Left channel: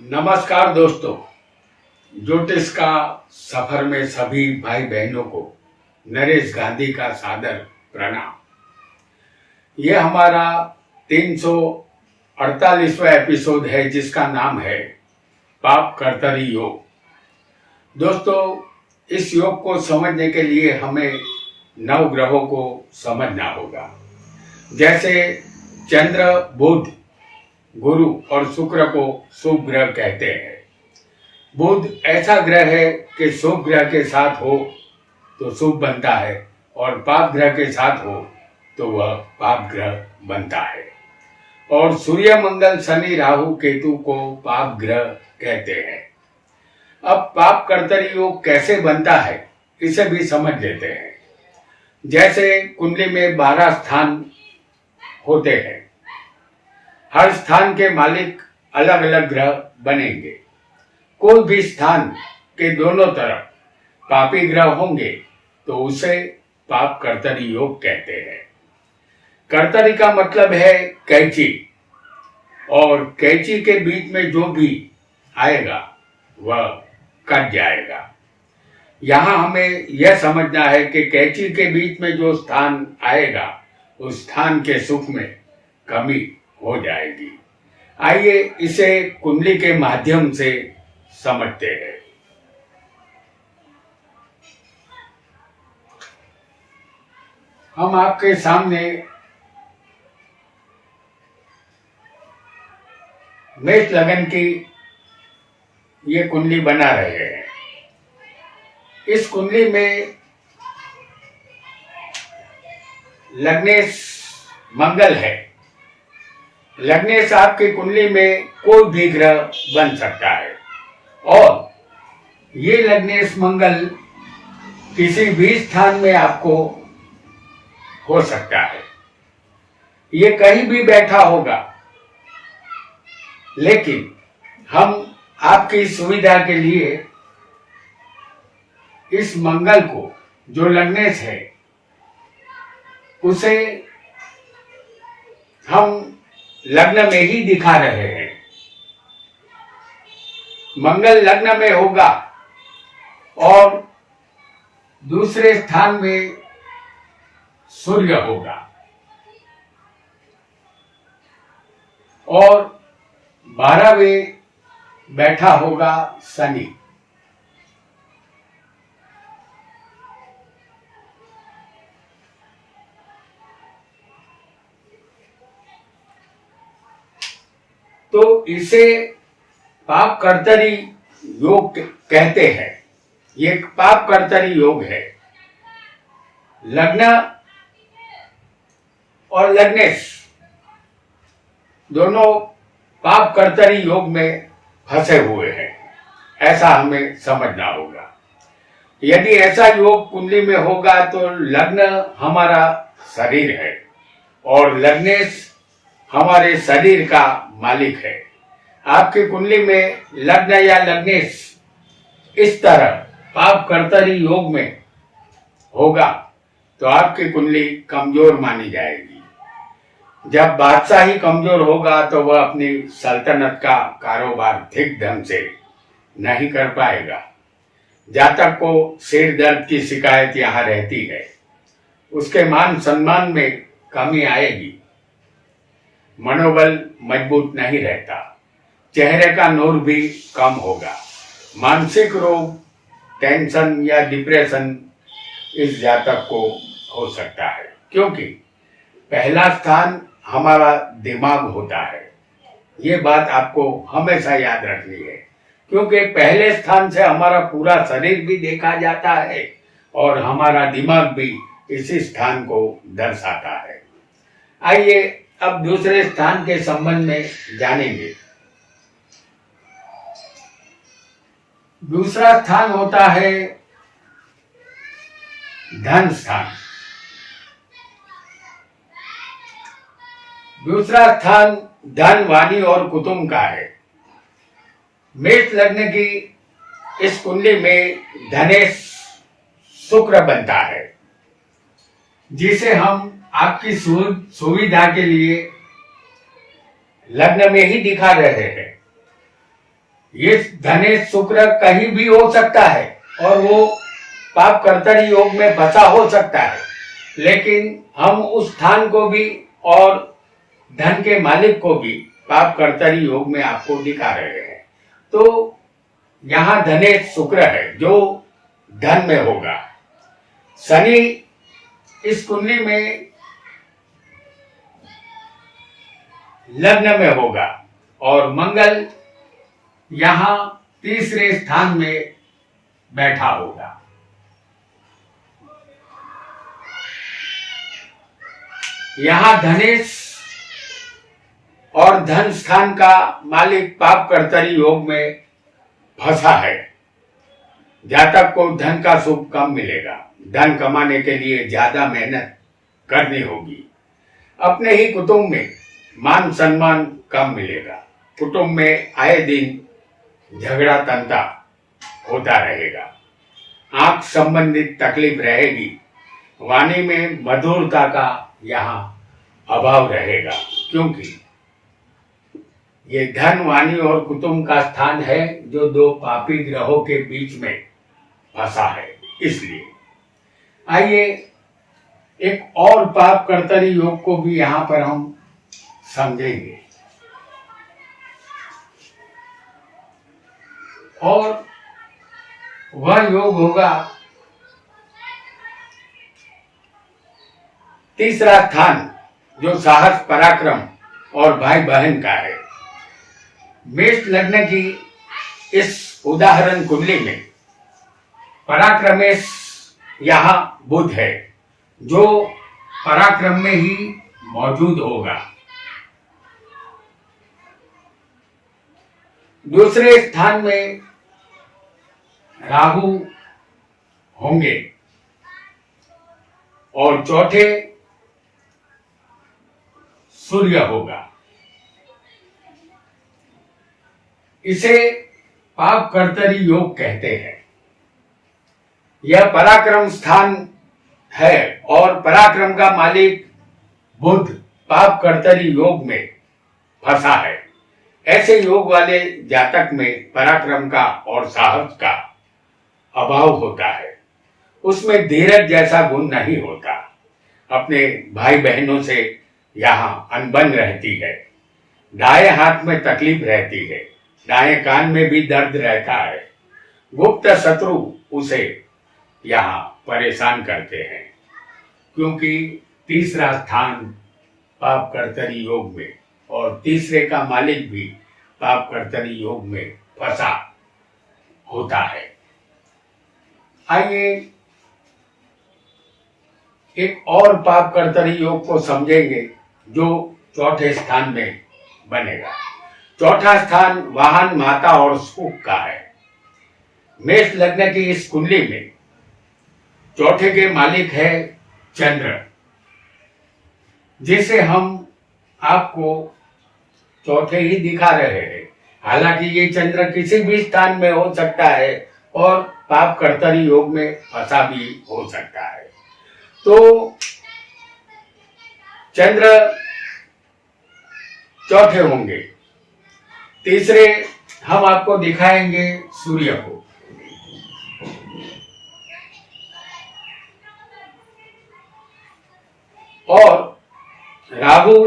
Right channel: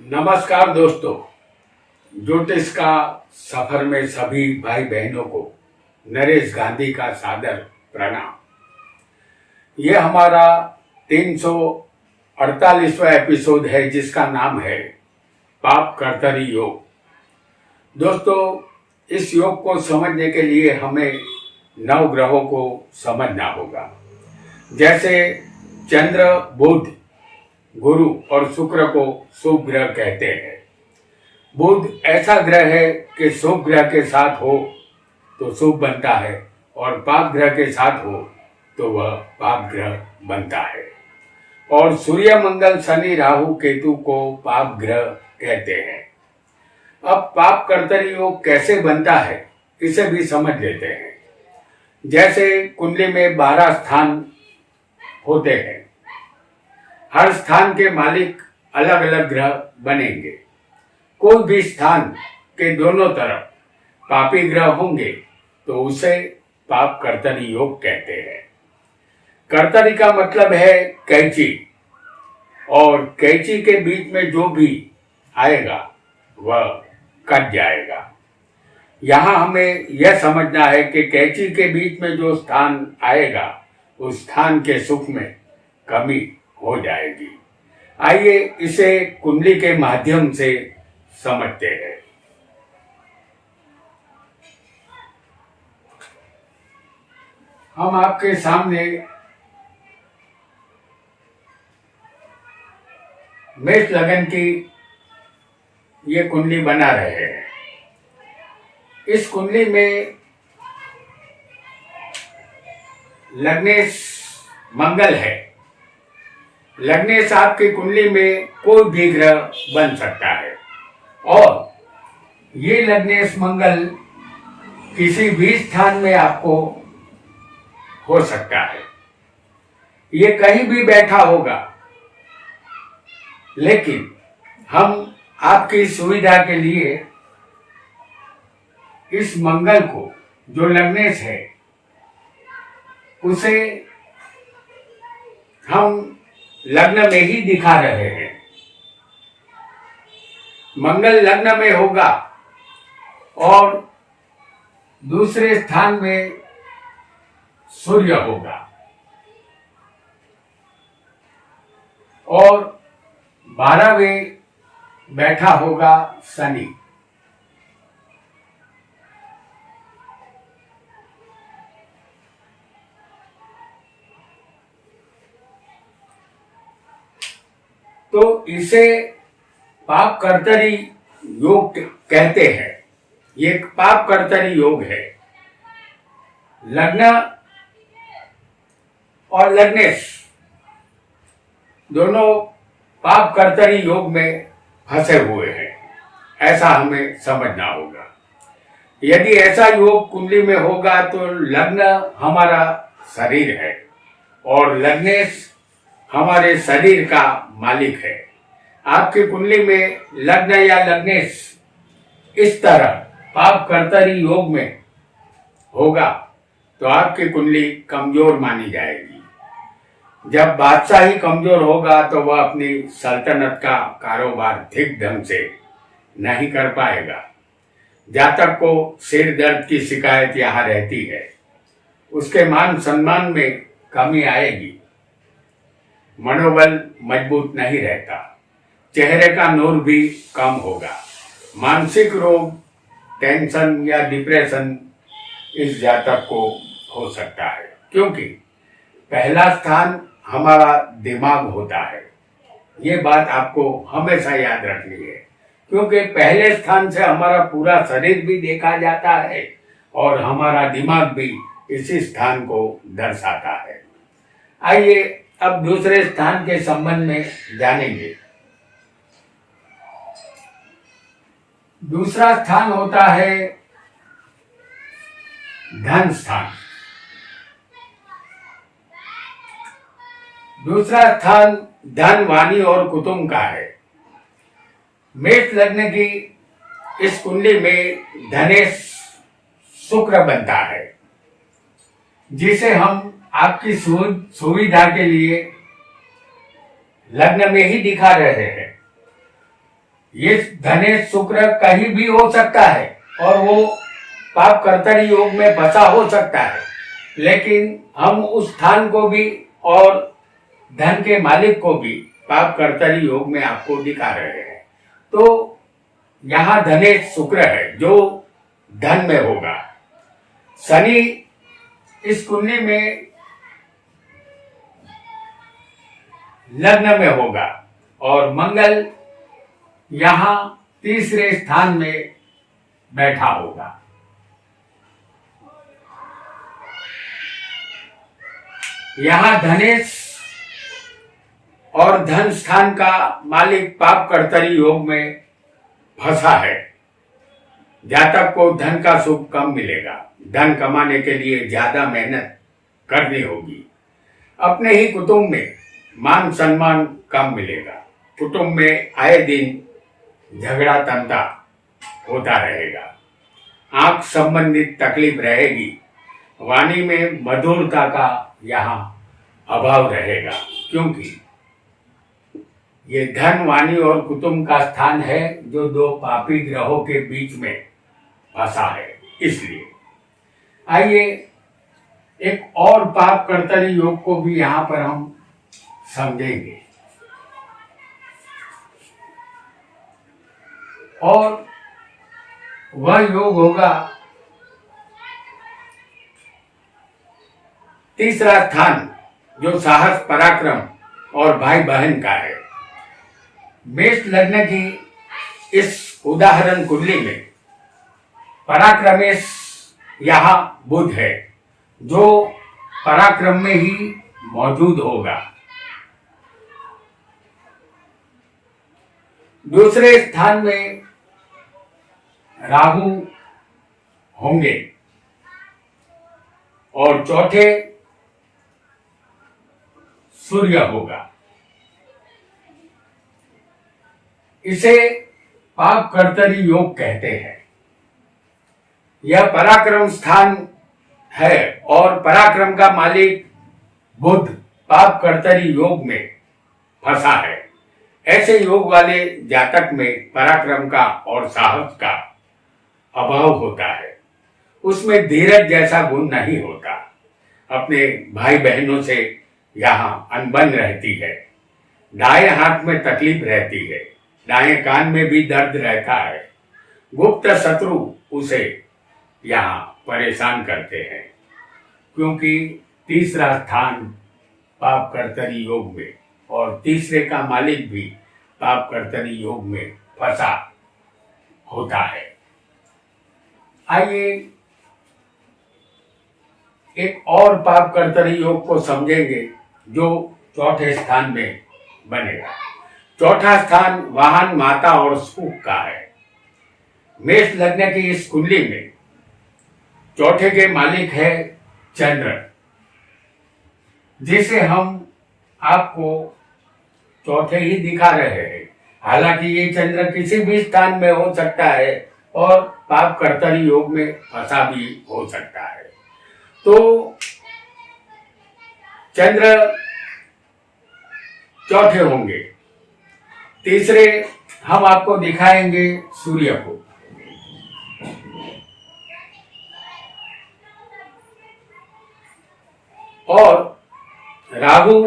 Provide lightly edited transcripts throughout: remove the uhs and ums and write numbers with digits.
नमस्कार दोस्तों। ज्योतिष का सफर में सभी भाई बहनों को नरेश गांधी का सादर प्रणाम। ये हमारा 348वां एपिसोड है जिसका नाम है पाप कर्तरी योग। दोस्तों, इस योग को समझने के लिए हमें 9 ग्रहों को समझना होगा। जैसे चंद्र, बुध, गुरु और शुक्र को शुभ ग्रह कहते हैं। बुध ऐसा ग्रह है कि शुभ ग्रह के साथ हो तो शुभ बनता है और पाप ग्रह के साथ हो तो वह पाप ग्रह बनता है। और सूर्य, मंगल, शनि, राहु, केतु को पाप ग्रह कहते हैं। अब पाप कर्तरी योग कैसे बनता है इसे भी समझ लेते हैं। जैसे कुंडली में 12 स्थान होते हैं, हर स्थान के मालिक अलग अलग ग्रह बनेंगे। कोई भी स्थान के दोनों तरफ पापी ग्रह होंगे तो उसे पाप कर्तरी योग कहते हैं। कर्तरी का मतलब है कैंची, और कैंची के बीच में जो भी आएगा वह कट जाएगा। यहाँ हमें यह समझना है कि कैंची के बीच में जो स्थान आएगा उस स्थान के सुख में कमी हो जाएगी। आइए इसे कुंडली के माध्यम से समझते हैं। हम आपके सामने मेष लगन की ये कुंडली बना रहे हैं। इस कुंडली में लग्नेश मंगल है। लग्नेश आपकी कुंडली में कोई भी ग्रह बन सकता है और ये लग्नेश मंगल किसी भी स्थान में आपको हो सकता है। ये कहीं भी बैठा होगा, लेकिन हम आपकी सुविधा के लिए इस मंगल को, जो लग्नेश है, उसे हम लग्न में ही दिखा रहे हैं। मंगल लग्न में होगा और दूसरे स्थान में सूर्य होगा और 12वें बैठा होगा शनि। तो इसे पाप कर्तरी योग कहते हैं। ये एक पाप कर्तरी योग है। लग्न और लग्नेश दोनों पाप कर्तरी योग में फंसे हुए हैं, ऐसा हमें समझना होगा। यदि ऐसा योग कुंडली में होगा तो लग्न हमारा शरीर है और लग्नेश हमारे शरीर का मालिक है। आपकी कुंडली में लग्न या लग्नेश इस तरह पाप कर्तरी योग में होगा तो आपकी कुंडली कमजोर मानी जाएगी। जब बादशाह ही कमजोर होगा तो वह अपनी सल्तनत का कारोबार ठीक ढंग से नहीं कर पाएगा। जातक को सिर दर्द की शिकायत यहाँ रहती है, उसके मान सम्मान में कमी आएगी, मनोबल मजबूत नहीं रहता, चेहरे का नूर भी कम होगा, मानसिक रोग, टेंशन या डिप्रेशन इस जातक को हो सकता है। क्योंकि पहला स्थान हमारा दिमाग होता है। ये बात आपको हमेशा याद रखनी है, क्योंकि पहले स्थान से हमारा पूरा शरीर भी देखा जाता है और हमारा दिमाग भी इसी स्थान को दर्शाता है। आइए अब दूसरे स्थान के संबंध में जानेंगे। दूसरा स्थान होता है धन स्थान। दूसरा स्थान धन, वाणी और कुटुंब का है। मेष लग्न की इस कुंडली में धनेश शुक्र बनता है, जिसे हम आपकी सुविधा के लिए लग्न में ही दिखा रहे हैं। ये धनेश शुक्र कहीं भी हो सकता है और वो पाप कर्तरी योग में फंसा हो सकता है, लेकिन हम उस स्थान को भी और धन के मालिक को भी पाप कर्तरी योग में आपको दिखा रहे हैं। तो यहाँ धनेश शुक्र है जो धन में होगा। शनि इस कुंडली में लग्न में होगा और मंगल यहाँ तीसरे स्थान में बैठा होगा। यहाँ धनेश और धन स्थान का मालिक पाप कर्तरी योग में फंसा है। जातक को धन का सुख कम मिलेगा। धन कमाने के लिए ज्यादा मेहनत करनी होगी। अपने ही कुटुंब में मान सम्मान कम मिलेगा। कुटुंब में आए दिन झगड़ा तंता होता रहेगा। आंख संबंधित तकलीफ रहेगी। वाणी में मधुरता का यहाँ अभाव रहेगा, क्योंकि ये धन, वाणी और कुटुंब का स्थान है जो दो पापी ग्रहों के बीच में फंसा है। इसलिए आइए एक और पाप कर्तरी योग को भी यहाँ पर हम समझेंगे। और वह योग होगा तीसरा स्थान, जो साहस, पराक्रम और भाई बहन का है। मेष लग्न की इस उदाहरण कुंडली में पराक्रमेश यहाँ बुध है, जो पराक्रम में ही मौजूद होगा। दूसरे स्थान में राहु होंगे और चौथे सूर्य होगा। इसे पाप कर्तरी योग कहते हैं। यह पराक्रम स्थान है और पराक्रम का मालिक बुध पाप कर्तरी योग में फंसा है। ऐसे योग वाले जातक में पराक्रम का और साहस का अभाव होता है। उसमें धीरज जैसा गुण नहीं होता। अपने भाई बहनों से यहाँ अनबन रहती है। दाएं हाथ में तकलीफ रहती है। दाएं कान में भी दर्द रहता है। गुप्त शत्रु उसे यहाँ परेशान करते हैं, क्योंकि तीसरा स्थान पाप कर्तरी योग में और तीसरे का मालिक भी पाप कर्तरी योग में फंसा होता है। आइए एक और पाप कर्तरी योग को समझेंगे जो चौथे स्थान में बनेगा। चौथा स्थान वाहन, माता और सुख का है। मेष लग्न की इस कुंडली में चौथे के मालिक है चंद्र, जिसे हम आपको चौथे ही दिखा रहे हैं। हालांकि ये चंद्र किसी भी स्थान में हो सकता है और पाप कर्तरी योग में फंसा भी हो सकता है। तो चंद्र चौथे होंगे। तीसरे हम आपको दिखाएंगे सूर्य को। और राहु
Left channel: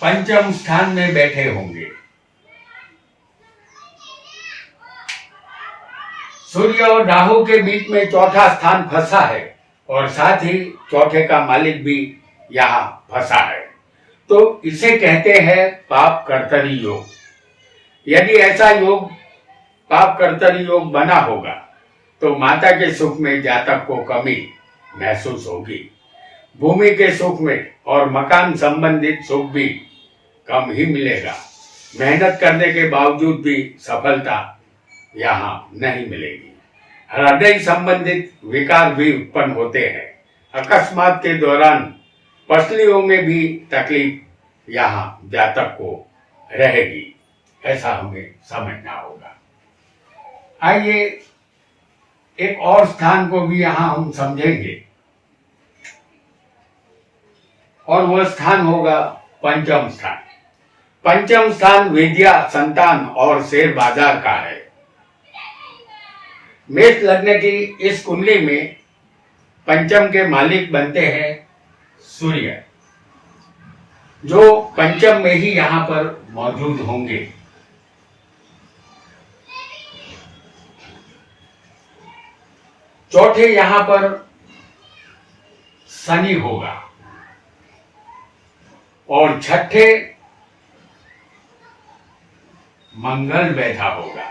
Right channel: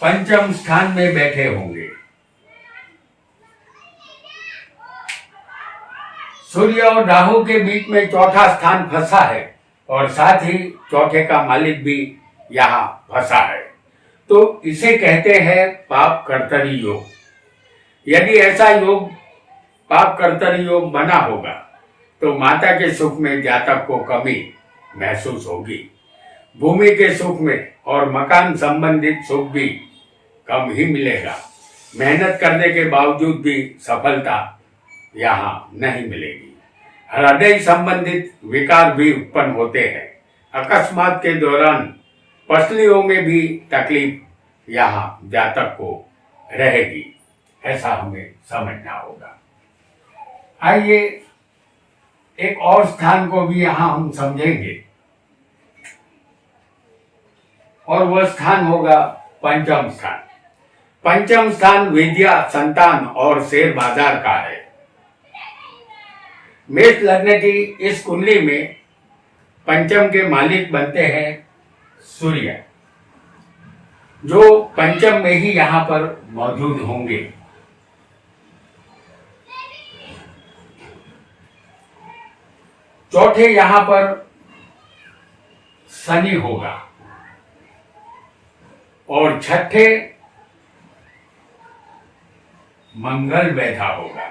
पंचम स्थान में बैठे होंगे। सूर्य और राहु के बीच में चौथा स्थान फंसा है और साथ ही चौथे का मालिक भी यहाँ फंसा है। तो इसे कहते हैं पाप कर्तरी योग। यदि ऐसा योग पाप कर्तरी योग बना होगा तो माता के सुख में जातक को कमी महसूस होगी। भूमि के सुख में और मकान संबंधित सुख भी कम ही मिलेगा। मेहनत करने के बावजूद भी सफलता यहाँ नहीं मिलेगी। हृदय संबंधित विकार भी उत्पन्न होते हैं। अकस्मात के दौरान पसलियों में भी तकलीफ यहाँ जातक को रहेगी। ऐसा हमें समझना होगा। आइए एक और स्थान को भी यहाँ हम समझेंगे और वह स्थान होगा पंचम स्थान। पंचम स्थान विद्या, संतान और शेयर बाजार का है। मेष लग्न की इस कुंडली में पंचम के मालिक बनते हैं सूर्य, जो पंचम में ही यहां पर मौजूद होंगे। चौथे यहां पर शनि होगा और छठे मंगल बैठा होगा।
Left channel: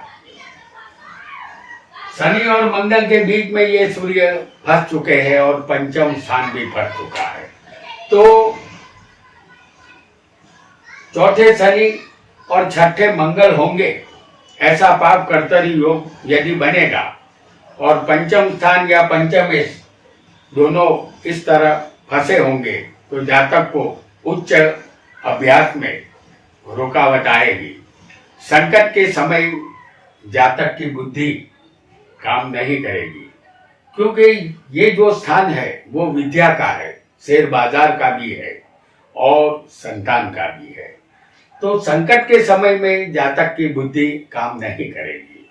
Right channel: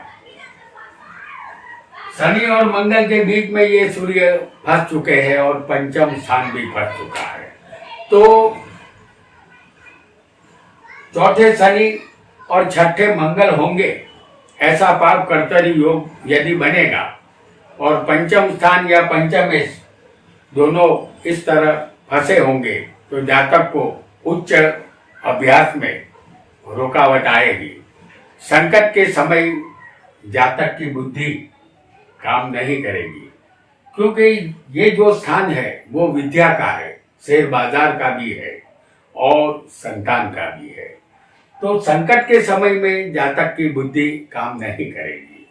शनि और मंगल के बीच में ये सूर्य फंस चुके हैं और पंचम स्थान भी फंस चुका है। तो चौथे शनि और छठे मंगल होंगे, ऐसा पाप कर्तरी योग यदि बनेगा और पंचम स्थान या पंचमेश दोनों इस तरह फंसे होंगे तो जातक को उच्च अभ्यास में रुकावट आएगी। संकट के समय जातक की बुद्धि काम नहीं करेगी, क्योंकि ये जो स्थान है वो विद्या का है, शेयर बाजार का भी है और संतान का भी है। तो संकट के समय में जातक की बुद्धि काम नहीं करेगी।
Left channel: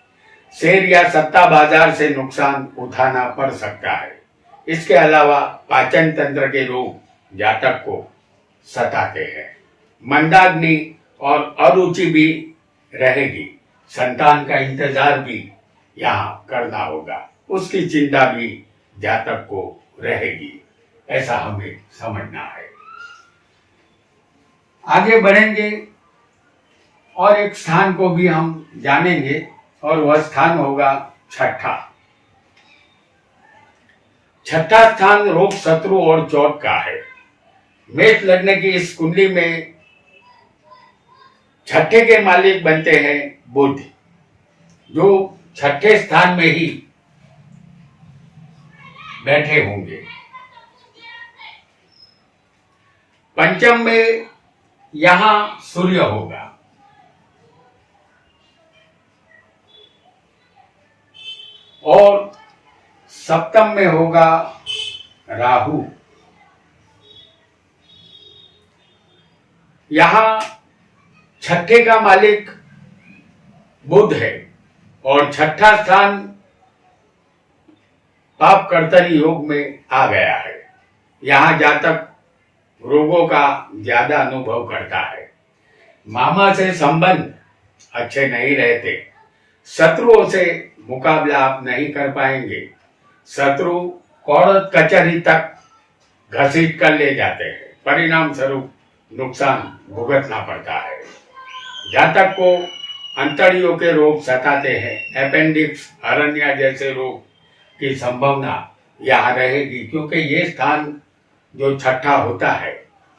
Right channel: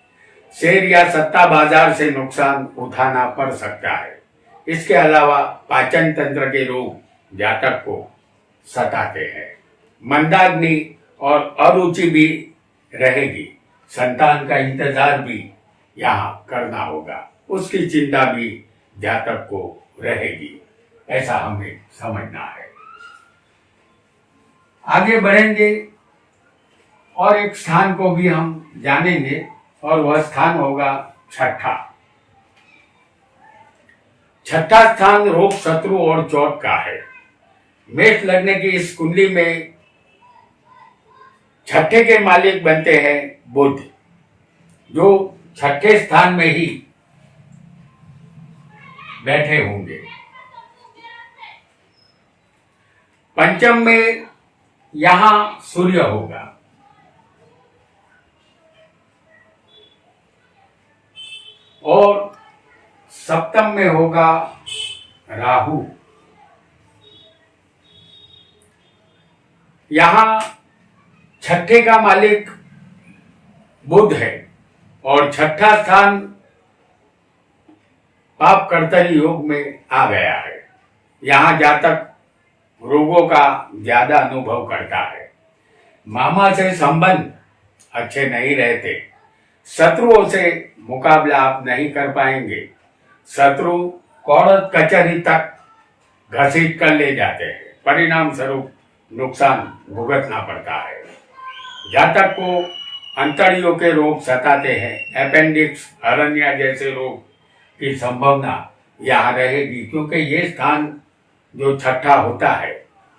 शेयर या सत्ता बाजार से नुकसान उठाना पड़ सकता है। इसके अलावा पाचन तंत्र के रोग जातक को सताते हैं। मंदाग्नि और अरुचि भी रहेगी। संतान का इंतजार भी यहाँ करना होगा, उसकी चिंता भी जातक को रहेगी, ऐसा हमें समझना है। आगे बढ़ेंगे और एक स्थान को भी हम जानेंगे और वह स्थान होगा छठा। छठा स्थान रोग, शत्रु और चोट का है। मेष लग्न की इस कुंडली में छठे के मालिक बनते हैं बुध, जो छठे स्थान में ही बैठे होंगे। पंचम में यहां सूर्य होगा और सप्तम में होगा राहु। यहां छठे का मालिक बुध है और छठा स्थान पाप कर्तरी योग में आ गया है। यहां जातक रोगों का ज्यादा अनुभव करता है। मामा से संबंध अच्छे नहीं रहते। शत्रुओं से मुकाबला आप नहीं कर पाएंगे। शत्रु कोर्ट कचहरी तक घसीट कर ले जाते हैं। परिणाम स्वरूप नुकसान भुगतना पड़ता है। जातक को अंतड़ियों के रोग सताते हैं। अपेंडिक्स, हर्निया जैसे रोग की संभावना यहाँ रहेगी, क्योंकि ये स्थान जो छठा होता है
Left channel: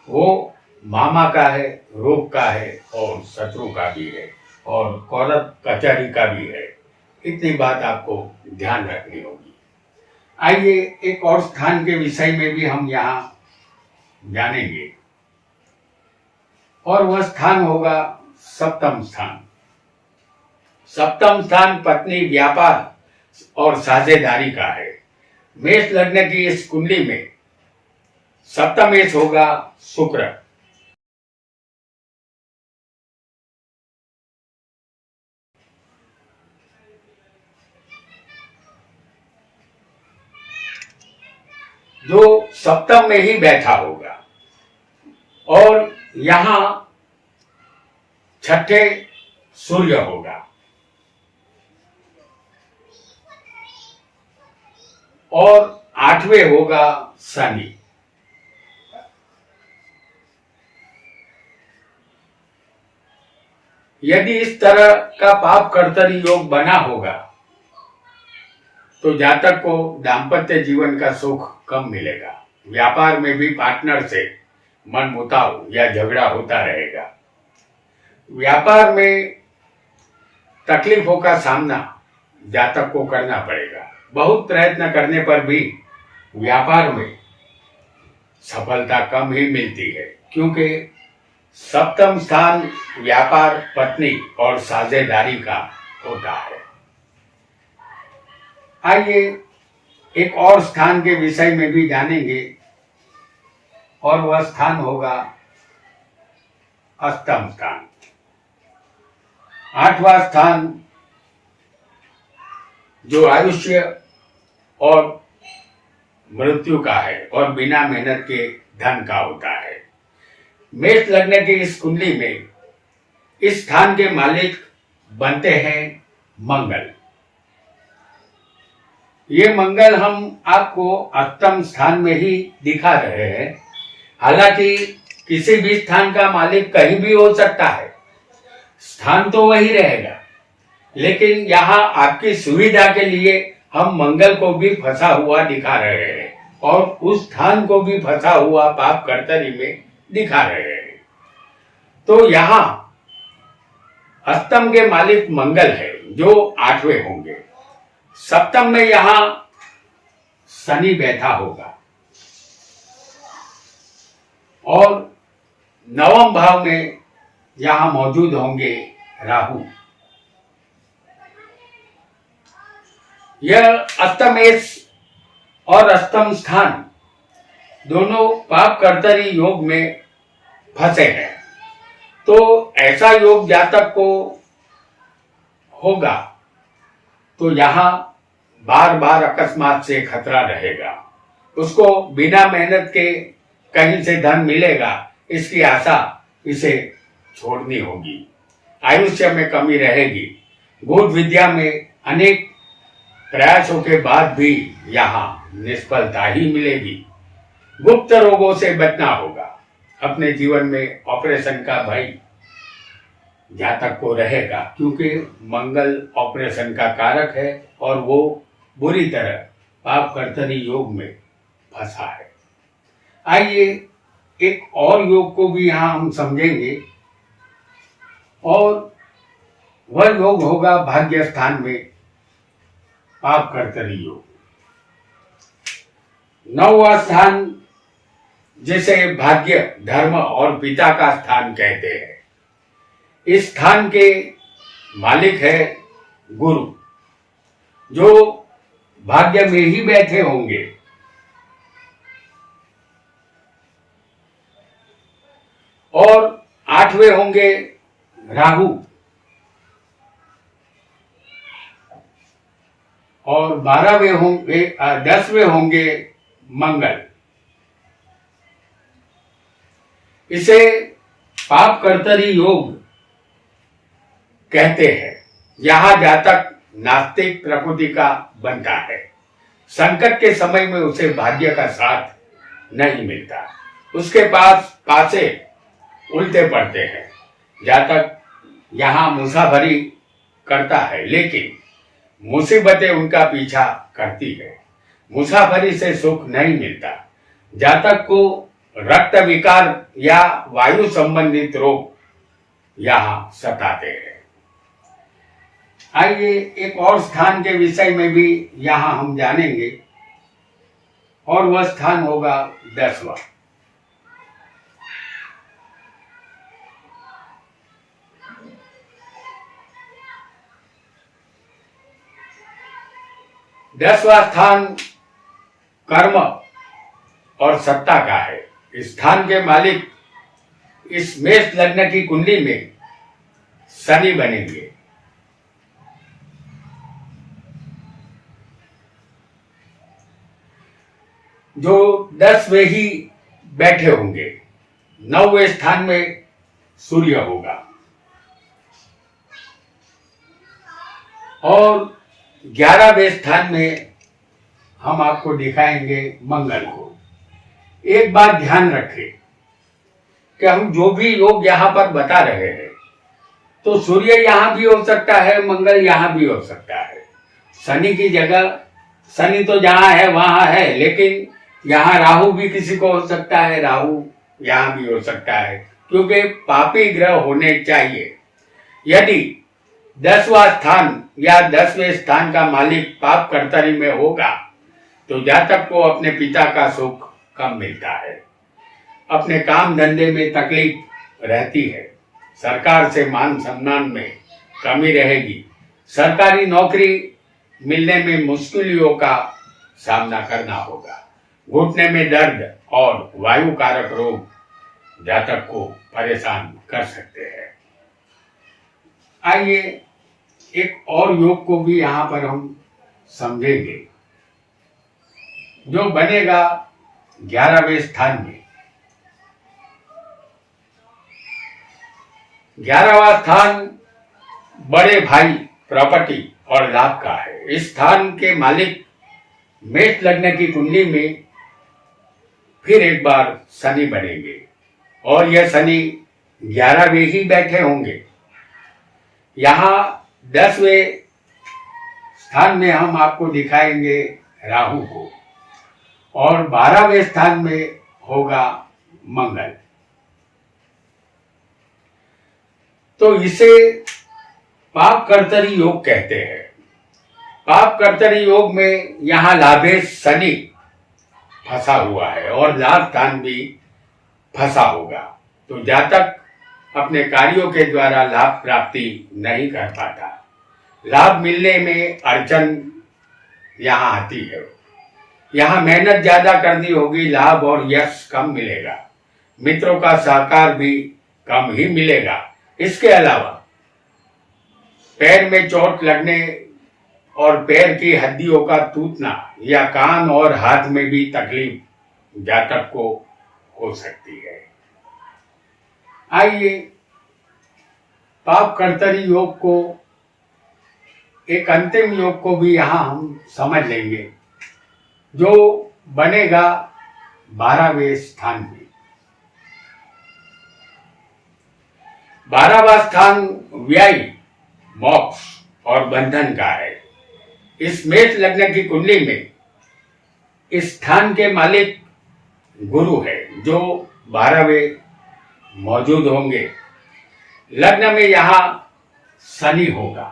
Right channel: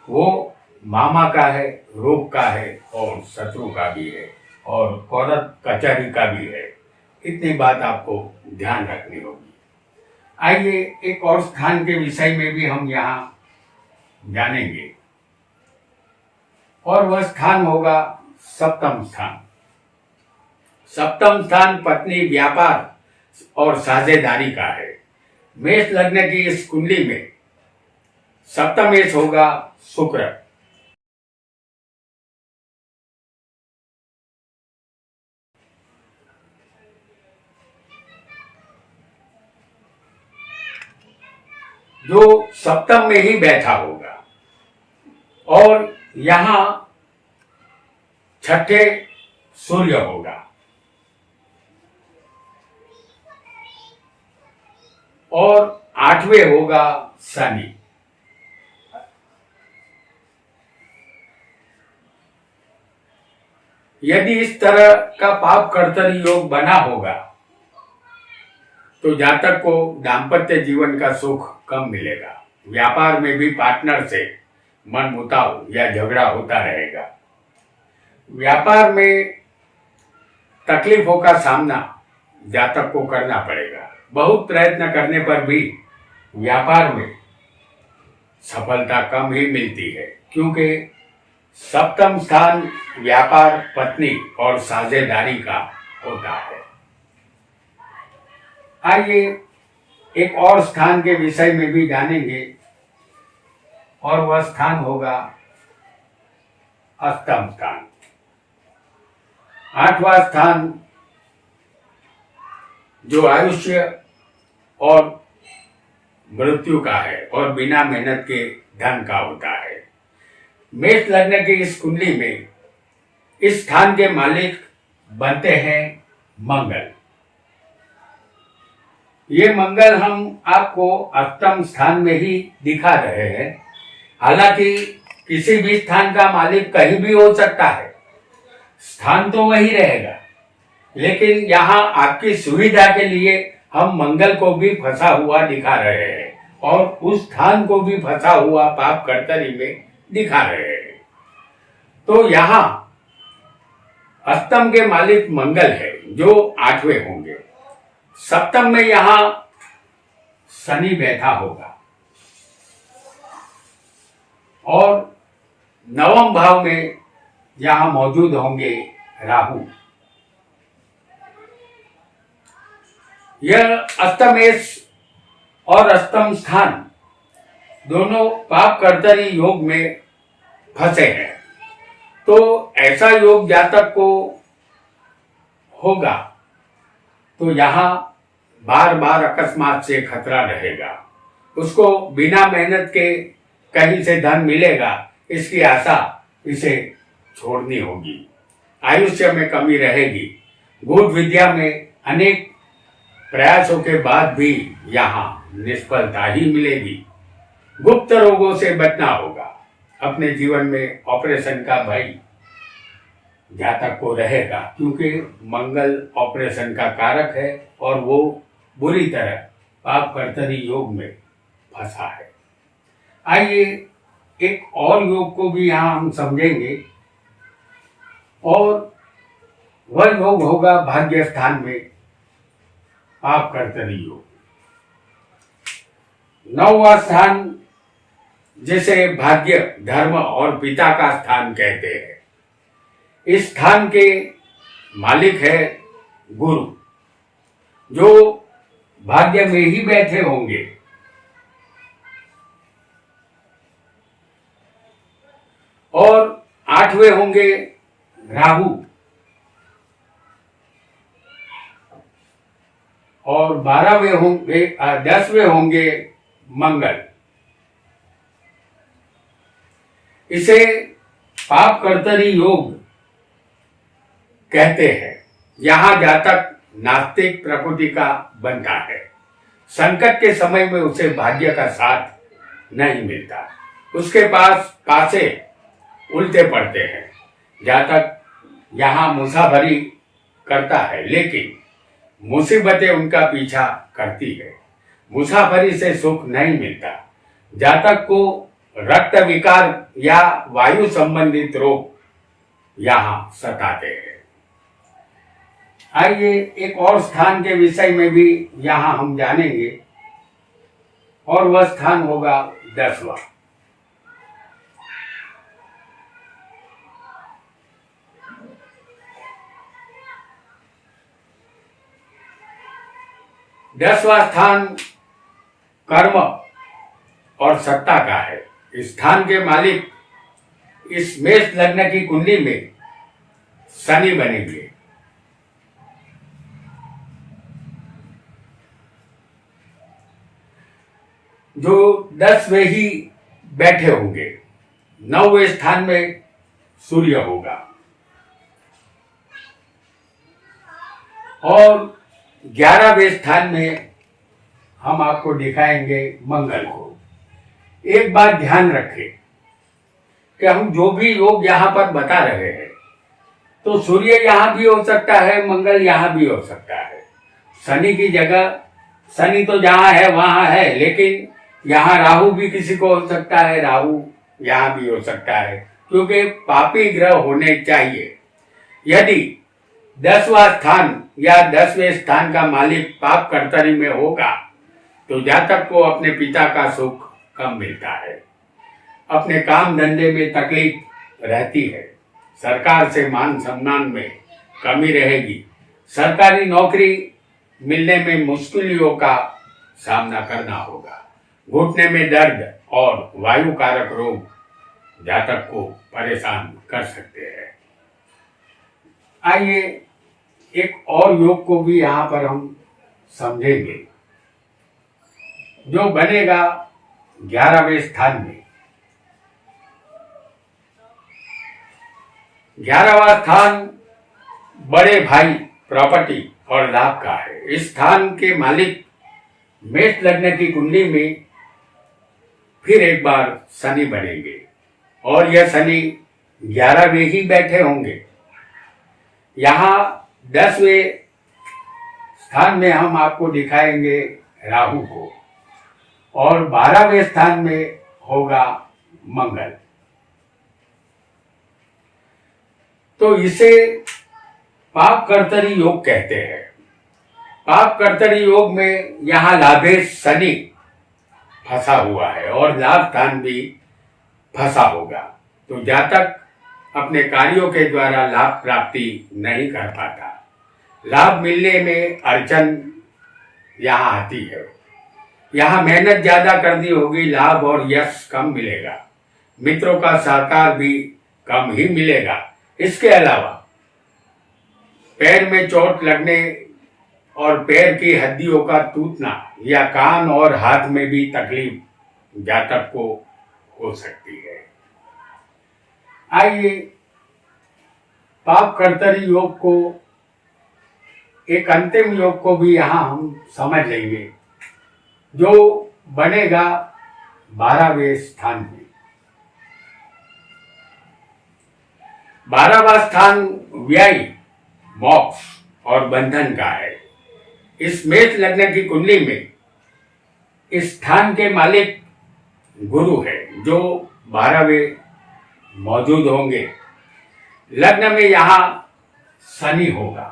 वो मामा का है, रोग का है और शत्रु का भी है और कोर्ट कचहरी का भी है। इतनी बात आपको ध्यान रखनी होगी। आइए एक और स्थान के विषय में भी हम यहाँ जानेंगे और वह स्थान होगा सप्तम स्थान। सप्तम स्थान पत्नी, व्यापार और साझेदारी का है। मेष लग्न की इस कुंडली में सप्तमेश होगा शुक्र। जो सप्तम में ही बैठा होगा और यहां छठे सूर्य होगा और आठवें होगा शनि। यदि इस तरह का पाप कर्तरी योग बना होगा तो जातक को दाम्पत्य जीवन का सुख कम मिलेगा। व्यापार में भी पार्टनर से मनमुटाव या झगड़ा होता रहेगा। व्यापार में तकलीफों का सामना जातक को करना पड़ेगा। बहुत प्रयत्न करने पर भी व्यापार में सफलता कम ही मिलती है, क्योंकि सप्तम स्थान व्यापार, पत्नी और साझेदारी का होता है। आइए एक और स्थान के विषय में भी जानेंगे और वह स्थान होगा अष्टम स्थान। आठवां स्थान जो आयुष्य और मृत्यु का है और बिना मेहनत के धन का होता है। मेष लग्न की इस कुंडली में इस स्थान के मालिक बनते हैं मंगल। ये मंगल हम आपको अष्टम स्थान में ही दिखा रहे हैं। हालांकि किसी भी स्थान का मालिक कहीं भी हो सकता है, स्थान तो वही रहेगा, लेकिन यहाँ आपकी सुविधा के लिए हम मंगल को भी फंसा हुआ दिखा रहे हैं और उस स्थान को भी फंसा हुआ पाप कर्तरी में दिखा रहे हैं। तो यहाँ अष्टम के मालिक मंगल है जो आठवें होंगे। सप्तम में यहाँ शनि बैठा होगा और नवम भाव में यहाँ मौजूद होंगे राहु। यह अष्टमेश और अष्टम स्थान दोनों पाप कर्तरी योग में फंसे हैं। तो ऐसा योग जातक को होगा तो यहाँ बार बार अकस्मात से खतरा रहेगा। उसको बिना मेहनत के कहीं से धन मिलेगा, इसकी आशा इसे छोड़नी होगी। आयुष्य में कमी रहेगी। गूढ़ विद्या में अनेक प्रयासों के बाद भी यहाँ निष्फलता ही मिलेगी। गुप्त रोगों से बचना होगा। अपने जीवन में ऑपरेशन का भय जातक को रहेगा, क्योंकि मंगल ऑपरेशन का कारक है और वो बुरी तरह पाप कर्तरी योग में फंसा है। आइए एक और योग को भी यहाँ हम समझेंगे और वह योग होगा भाग्य स्थान में पाप कर्तरी योग। नौवां स्थान जिसे भाग्य, धर्म और पिता का स्थान कहते हैं, इस स्थान के मालिक है गुरु, जो भाग्य में ही बैठे होंगे। और आठवें होंगे राहु और 12वें होंगे 10वें होंगे मंगल। इसे पाप कर्तरी योग कहते हैं। यहाँ जातक नास्तिक प्रकृति का बनता है। संकट के समय में उसे भाग्य का साथ नहीं मिलता। उसके पास पासे उल्टे पड़ते हैं। जातक यहाँ मुसाफरी करता है, लेकिन मुसीबतें उनका पीछा करती है। मुसाफरी से सुख नहीं मिलता। जातक को रक्त विकार या वायु संबंधित रोग यहाँ सताते हैं। आइए एक और स्थान के विषय में भी यहाँ हम जानेंगे और वह स्थान होगा 10वां। दसवां स्थान कर्म और सत्ता का है। इस स्थान के मालिक इस मेष लग्न की कुंडली में शनि बनेंगे। जो 10वें ही बैठे होंगे। 9वें स्थान में सूर्य होगा और 11वें स्थान में हम आपको दिखाएंगे मंगल को। एक बात ध्यान रखें कि हम जो भी योग यहाँ पर बता रहे हैं, तो सूर्य यहाँ भी हो सकता है, मंगल यहाँ भी हो सकता है। शनि की जगह, शनि तो जहाँ है वहाँ है, लेकिन यहाँ राहु भी किसी को हो सकता है, राहु यहाँ भी हो सकता है, क्योंकि पापी ग्रह होने चाहिए। यदि 10वां स्थान या 10वें स्थान का मालिक पाप कर्तरी में होगा तो जातक को अपने पिता का सुख कम मिलता है। अपने काम धंधे में तकलीफ रहती है। सरकार से मान सम्मान में कमी रहेगी। सरकारी नौकरी मिलने में मुश्किलों का सामना करना होगा। घुटने में दर्द और वायु कारक रोग जातक को परेशान कर सकते हैं। आइए एक और योग को भी यहाँ पर हम समझेंगे, जो बनेगा 11वें स्थान में। 11वां स्थान बड़े भाई, प्रॉपर्टी और लाभ का है। इस स्थान के मालिक मेष लग्न की कुंडली में फिर एक बार शनि बनेंगे और यह शनि 11वें ही बैठे होंगे। यहाँ 10वें स्थान में हम आपको दिखाएंगे राहु को और 12वें स्थान में होगा मंगल। तो इसे पाप कर्तरी योग कहते हैं। पाप कर्तरी योग में यहाँ लाभेश शनि फंसा हुआ है और लाभ स्थान भी फंसा होगा। तो जातक अपने कार्यों के द्वारा लाभ प्राप्ति नहीं कर पाता। लाभ मिलने में अड़चन यहाँ आती है। यहाँ मेहनत ज्यादा करनी होगी, लाभ और यश कम मिलेगा। मित्रों का सहकार भी कम ही मिलेगा। इसके अलावा पैर में चोट लगने और पैर की हड्डियों का टूटना या कान और हाथ में भी तकलीफ जातक को हो सकती है। आइए पाप कर्तरी योग को, एक अंतिम योग को भी यहां हम समझ लेंगे, जो बनेगा 12वें स्थान में। 12वां स्थान व्यय, मोक्ष और बंधन का है। इस मेष लग्न की कुंडली में इस स्थान के मालिक गुरु है, जो 12वें मौजूद होंगे। लग्न में यहां शनि होगा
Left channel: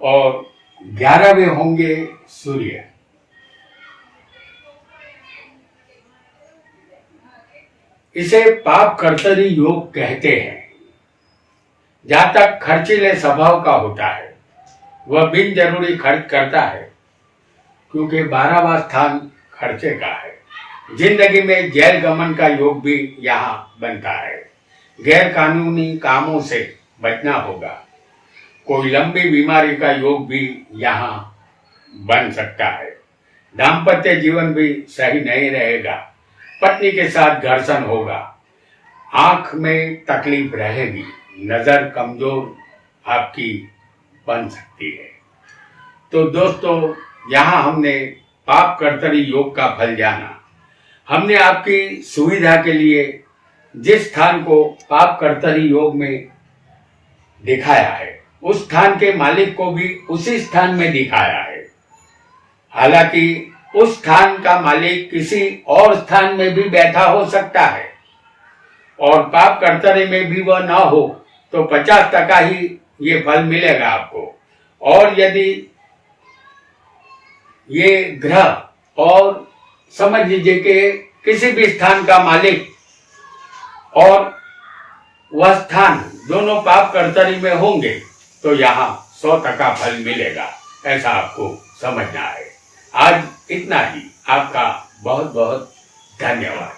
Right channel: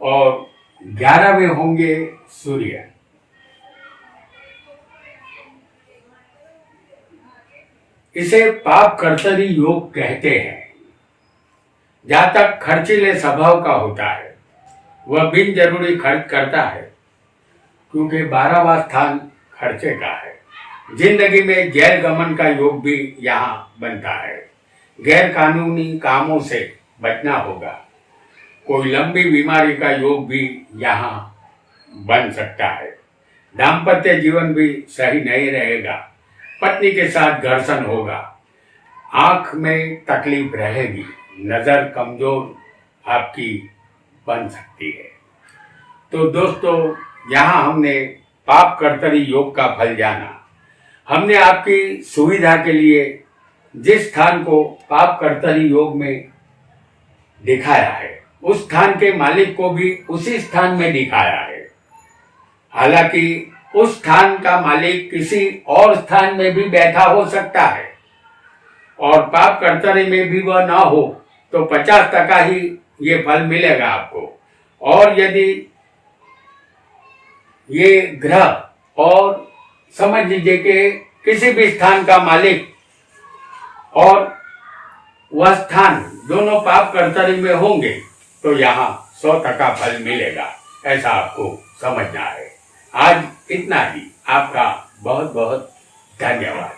और 11वें होंगे सूर्य। इसे पाप कर्तरी योग कहते हैं। जातक खर्चीले स्वभाव का होता है, वह बिन जरूरी खर्च करता है, क्योंकि 12वां स्थान खर्चे का है। जिंदगी में जेल गमन का योग भी यहाँ बनता है। गैर कानूनी कामों से बचना होगा। कोई लंबी बीमारी का योग भी यहाँ बन सकता है। दाम्पत्य जीवन भी सही नहीं रहेगा। पत्नी के साथ घर्षण होगा। आंख में तकलीफ रहेगी। नजर कमजोर आपकी बन सकती है। तो दोस्तों, यहाँ हमने पाप कर्तरी योग का फल जाना। हमने आपकी सुविधा के लिए जिस स्थान को पाप कर्तरी योग में दिखाया है, उस स्थान के मालिक को भी उसी स्थान में दिखाया है। हालांकि उस स्थान का मालिक किसी और स्थान में भी बैठा हो सकता है और पाप कर्तरी में भी वह ना हो, तो 50% ही ये फल मिलेगा आपको। और यदि ये ग्रह और समझ लीजिए कि किसी भी स्थान का मालिक और वह स्थान दोनों पाप कर्तरी में होंगे, तो यहाँ 100% फल मिलेगा। ऐसा आपको समझना है। आज इतना ही। आपका बहुत बहुत धन्यवाद।